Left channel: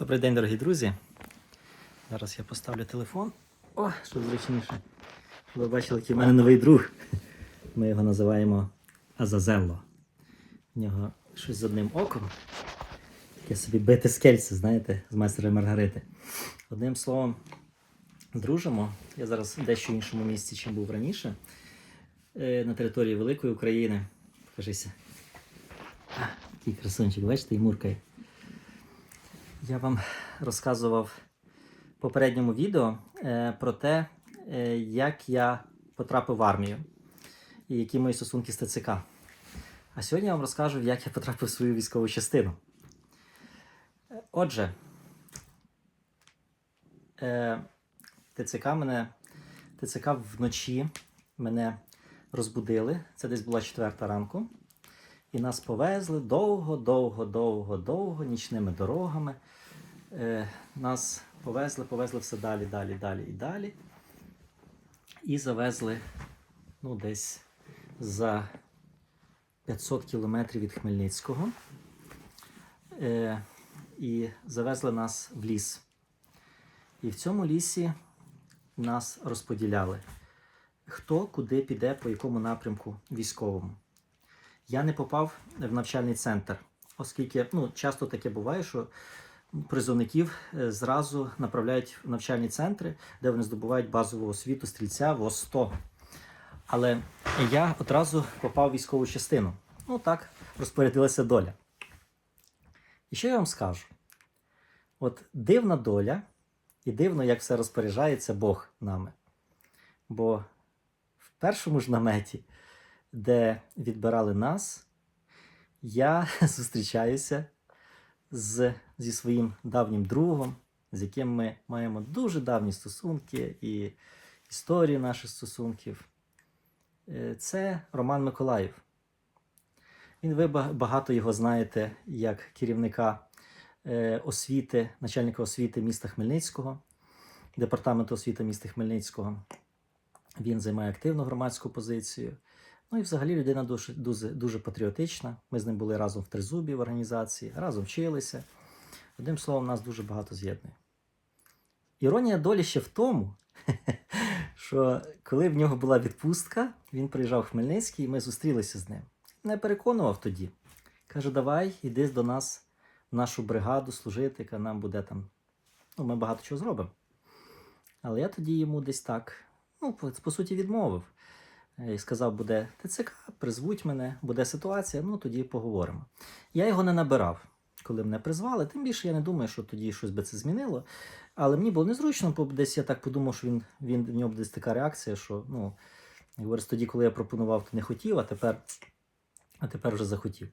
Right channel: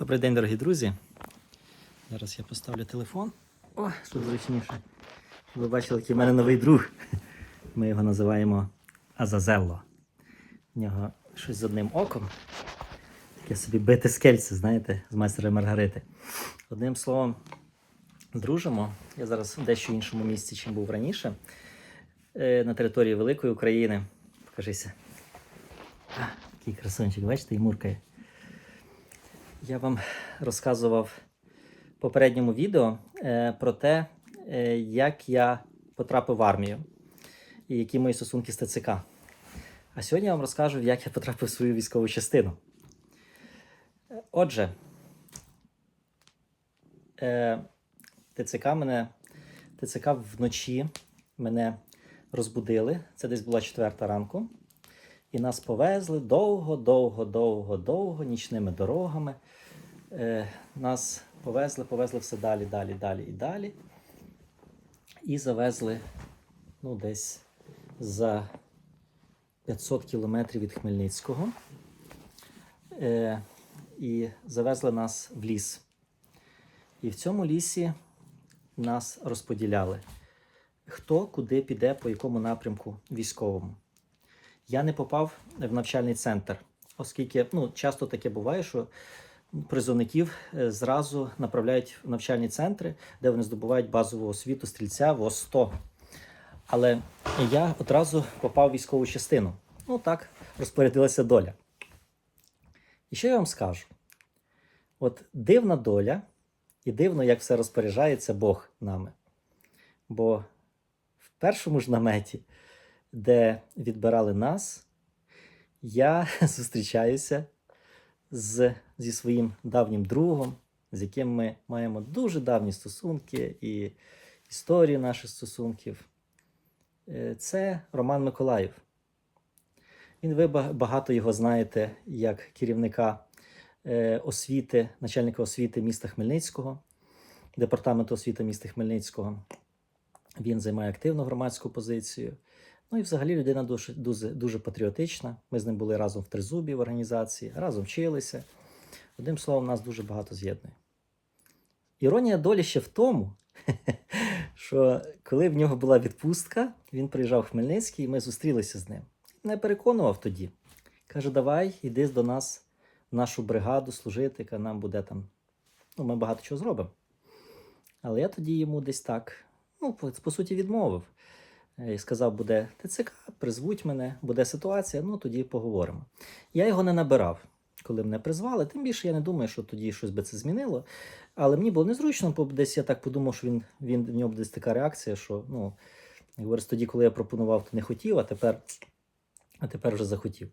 Добрий день, дорогі друзі. Зараз я поставлю телефон. О, щоб зручніше. Щоб ви бачили, який в мене новий друг. Ми його називаємо Азазелло. В нього щось з одним оком. Таке собі бите скельце, знаєте, з майстера Маргарити. Одним словом, дружимо. Я зараз в дещо іншому місці, чим був раніше. Е, На території Великої України. Покажися. А, такий красунчик, бачите, і муркає. Я вам розказував в попередньому відео е, про те, е, як я потрапив в армію і які мої стосунки з ТЦК. А сьогодні я вам розкажу, як я потрапив в свою військову частину. Отже, е, ТЦК мене ТЦК вночі мене розбудили. Це десь була четверта ранку. І нас повезли довго, довго, довго, довго нічними дорогами. Е, нас повезли, повезли все далі, далі, далі і далі. І завезли ну, десь за 500 кілометрів від Хмельницького. Е, і завезли нас в ліс. І в цьому лісі нас розподіляли. Хто куди піде, по якому напрямку військовому. Я не попав в навчальний центр, оскільки ну, часто таке буває, що призовників е, зразу направляють в навчальні центри, де вони здобувають базову освіту стрільця в ОС-100. Але я одразу попав в військову частину. Ну так розпорядилася доля. І що я вам скажу? От дивна доля, і дивно, як все розпоряджається Бог нами. Бо в першому ж наметі де відбирали нас, я зустрічаюся з, зі своїм давнім другом, з яким ми маємо дуже давні стосунки і історію наших стосунків. Е, Це Роман Миколаїв. Він ви багато його знаєте як керівника е, освіти, начальника освіти міста Хмельницького, департаменту освіти міста Хмельницького. Він займає активну громадську позицію. Ну і взагалі людина дуже, дуже, дуже патріотична. Ми з ним були разом в Тризубі в організації, разом вчилися. Одним словом, нас дуже багато з'єднує. Іронія долі ще в тому, що коли в нього була відпустка, він приїжджав в Хмельницький, і ми зустрілися з ним. Не переконував тоді. Каже: давай, іди до нас в нашу бригаду служити, яка нам буде там. Ну, ми багато чого зробимо. Але я тоді йому десь так, ну, по, суті, відмовив. І сказав, буде ТЦК, призвуть мене, буде ситуація, ну тоді поговоримо. Я його не набирав, коли мене призвали. Тим більше я не думаю, що тоді щось би це змінило. Але мені було незручно, бо десь я так подумав, що він, він в нього десь така реакція, що ну, говорить, тоді, коли я пропонував, то не хотів, а тепер, а тепер вже захотів.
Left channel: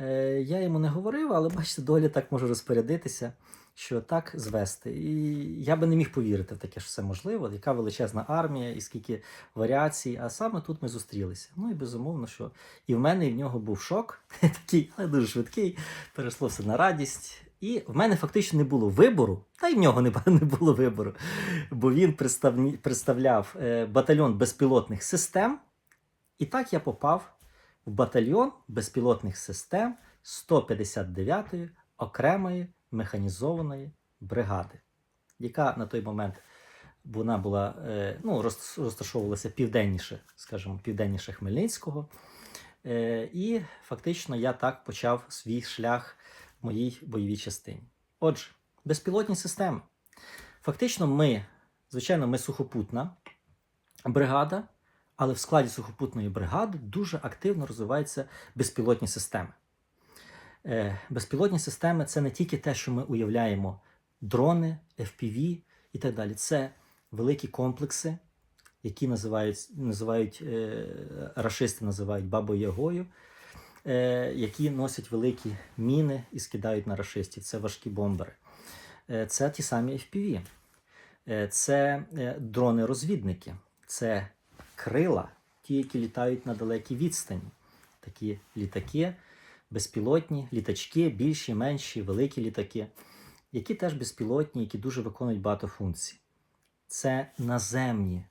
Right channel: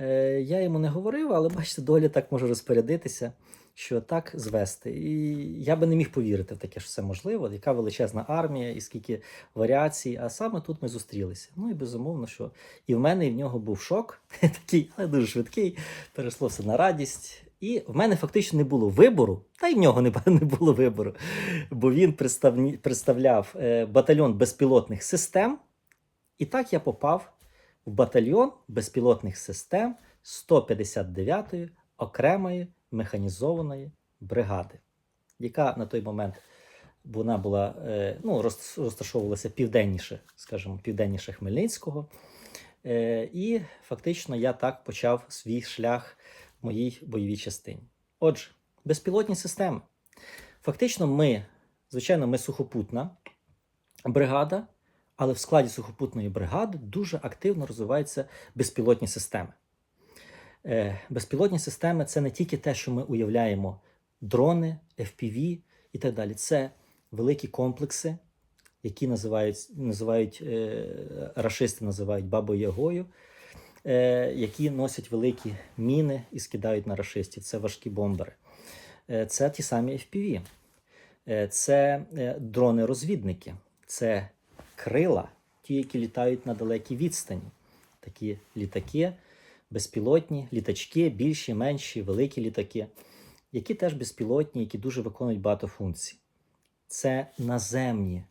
Е, я йому не говорив, але бачите, доля так може розпорядитися, що так звести. І я би не міг повірити в таке, що це можливо. Яка величезна армія, і скільки варіацій. А саме тут ми зустрілися. Ну і безумовно, що і в мене, і в нього був шок, такий, але дуже швидкий. Перейшло все на радість. І в мене фактично не було вибору, та й в нього не було вибору, бо він представні- представляв е, батальйон безпілотних систем. І так я попав в батальйон безпілотних систем 159-ї окремої механізованої бригади, яка на той момент вона була, е, ну, розташовувалася південніше, скажімо, південніше Хмельницького. Е, І фактично я так почав свій шлях в моїй бойовій частині. Отже, безпілотні системи. Фактично, ми, звичайно, ми сухопутна бригада, але в складі сухопутної бригади дуже активно розвиваються безпілотні системи. Е, Безпілотні системи це не тільки те, що ми уявляємо: дрони, FPV і так далі. Це великі комплекси, які називають, називають е, рашисти називають бабою Ягою, е, які носять великі міни і скидають на рашистів. Це важкі бомбери. Це ті самі FPV. Це дрони-розвідники, це крила, ті, які літають на далекій відстані. Такі літаки, безпілотні, літачки, більші, менші, великі літаки, які теж безпілотні, які дуже виконують багато функцій. Це наземні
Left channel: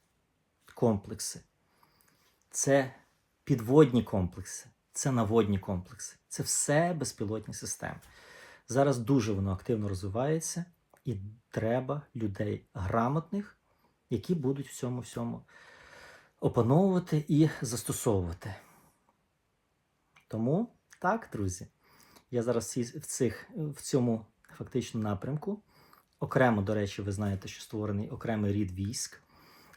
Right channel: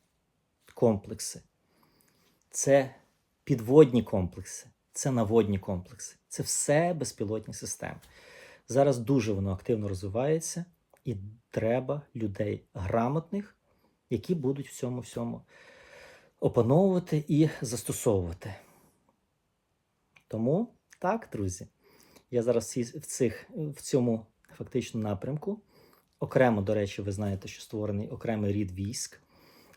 комплекси, це підводні комплекси, це наводні комплекси. Це все безпілотні системи. Зараз дуже воно активно розвивається, і треба людей грамотних, які будуть в цьому всьому опановувати і застосовувати. Тому так, друзі, я зараз в, цих, в цьому фактично напрямку. Окремо, до речі, ви знаєте, що створений окремий рід військ,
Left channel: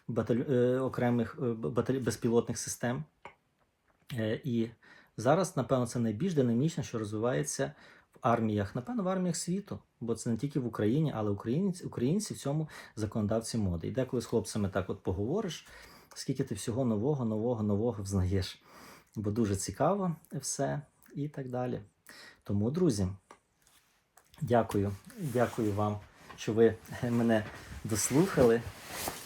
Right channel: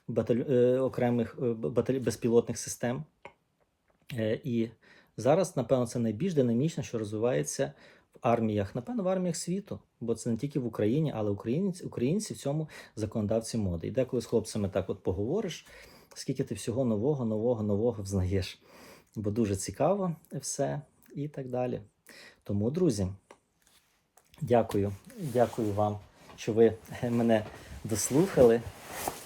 баталь... е, окремих е, баталь... безпілотних систем. Е, і зараз, напевно, це найбільш динамічне, що розвивається в арміях, напевно, в арміях світу, бо це не тільки в Україні, але українці, українці в цьому законодавці моди. І деколи з хлопцями так от поговориш, скільки ти всього нового, нового, нового взнаєш. Бо дуже цікаво все і так далі. Тому, друзі, дякую, дякую вам, що ви мене дослухали.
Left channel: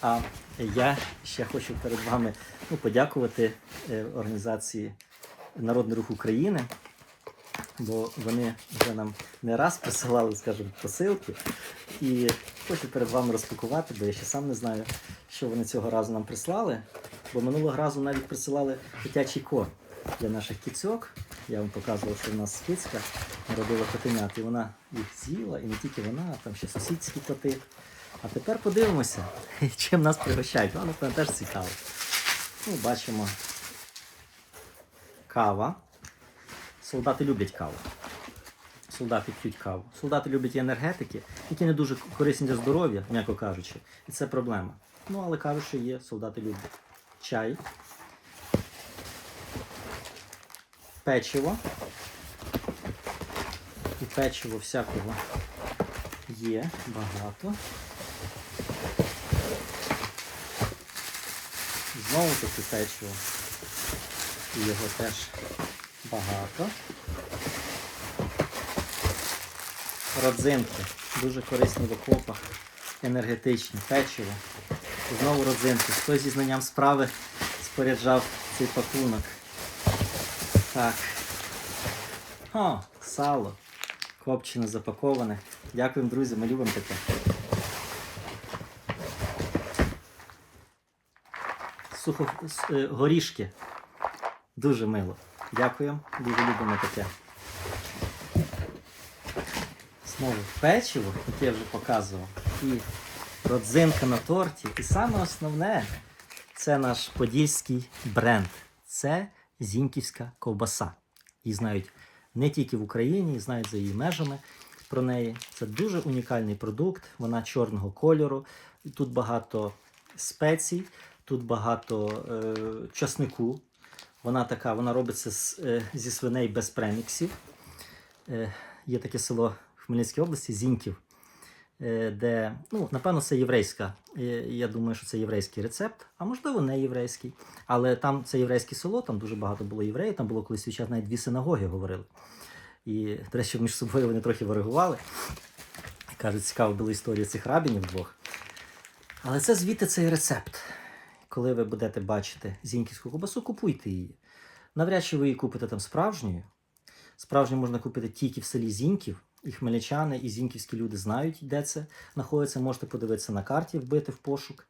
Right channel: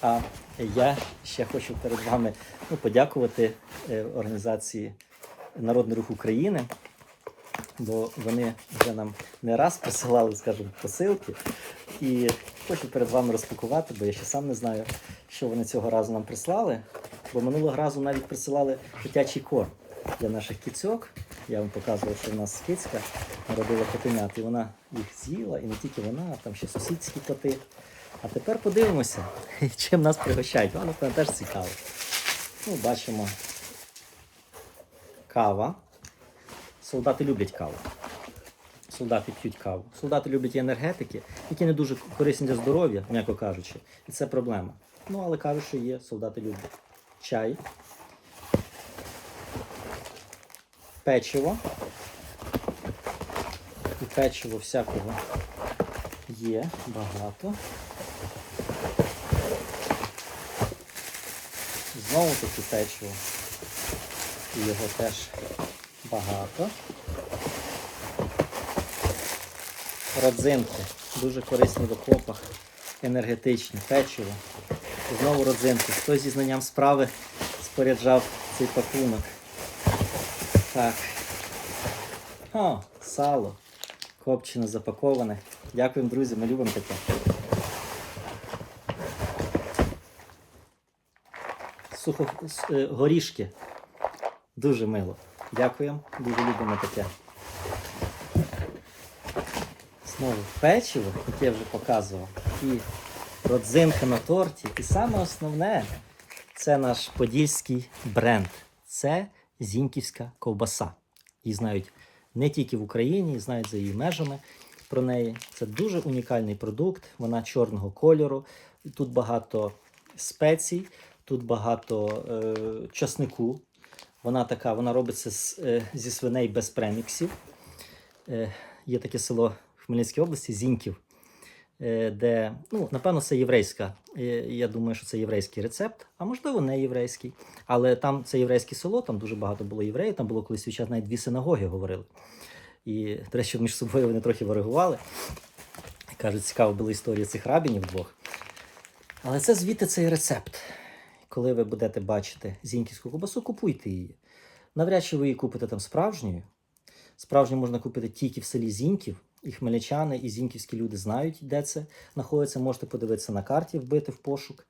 А я ще хочу перед вами ну, подякувати е, організації Народний рух України, бо вони вже нам не раз присилали, скажімо, посилки. І хочу перед вами розпакувати, бо я ще сам не знаю, що вони цього разу нам прислали. Бо минулого разу навіть присилали дитячий корм для наших кіцьок. Я вам показував, що в нас кицька народила котенят, і вона їх з'їла, і не тільки вона, а там ще сусідські коти. А тепер подивимося, чим нас пригощають. Вам, напевно, теж цікаво. Ну, бачимо кава. Солдати люблять каву. Солдати п'ють каву. Солдати люблять енергетики, які не дуже корисні для здоров'я, м'яко кажучи. І це проблема. Ну, але кажуть, що є, солдати люблять. Чай. Печиво. І печиво всякого є багато. Знову таки печиво. Його теж багато. Родзинки. Дуже корисні в окопах. Енергетичні. Печиво. Знову родзинки. Хтось зі знанням справи споряджав цей пакунок. Так. О, сало. Копчене запаковане. Дякуємо, друзі, ми любимо таке. Сухо е, горішки. Дуже мило. Дякуємо. Дуже любимо таке. Знову печиво, яке я вже показував. І родзинка на торті. І саме основне це наш подільський бренд. Це зіньківська ковбаса. Її знають не тільки в Україні, знають за її межами про неї. Це дуже унікальний продукт. Вона чорного кольору. Тут багато спецій, тут багато е, часнику. Вона така, вона робиться з, е, зі свиней без преміксів. Е, є таке село в Хмельницькій області, Зіньків, де, ну, напевно, це єврейська. Е, я думаю, що це єврейський рецепт, а можливо, не єврейський. Але там це єврейське село, там дуже багато було євреїв, там було колись час навіть дві синагоги говорили. І, до речі, між собою вони трохи ворогували. Кажуть, цікаво була історія цих рабінів двох. Але це звідти цей рецепт. Коли ви будете бачити зіньківську ковбасу, купуйте її. Навряд чи ви її купите там справжньою. Справжню можна купити тільки в селі Зіньків. І хмельничани, і зіньківські люди знають, де це знаходиться. Можете подивитися на карті, вбити в пошук.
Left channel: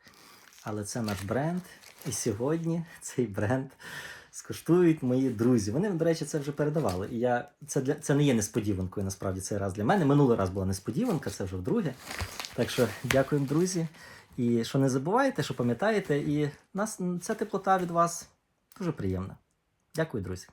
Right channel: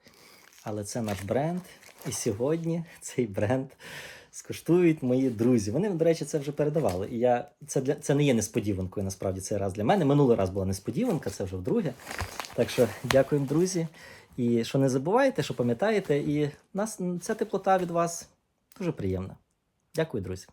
Але це наш бренд. І сьогодні цей бренд скуштують мої друзі. Вони, до речі, це вже передавали. І я це для це не є несподіванкою. Насправді цей раз для мене. Минулий раз була несподіванка, це вже вдруге. Так що дякуємо, друзі. І що не забувайте, що пам'ятаєте, і нас ця теплота від вас дуже приємна. Дякую, друзі.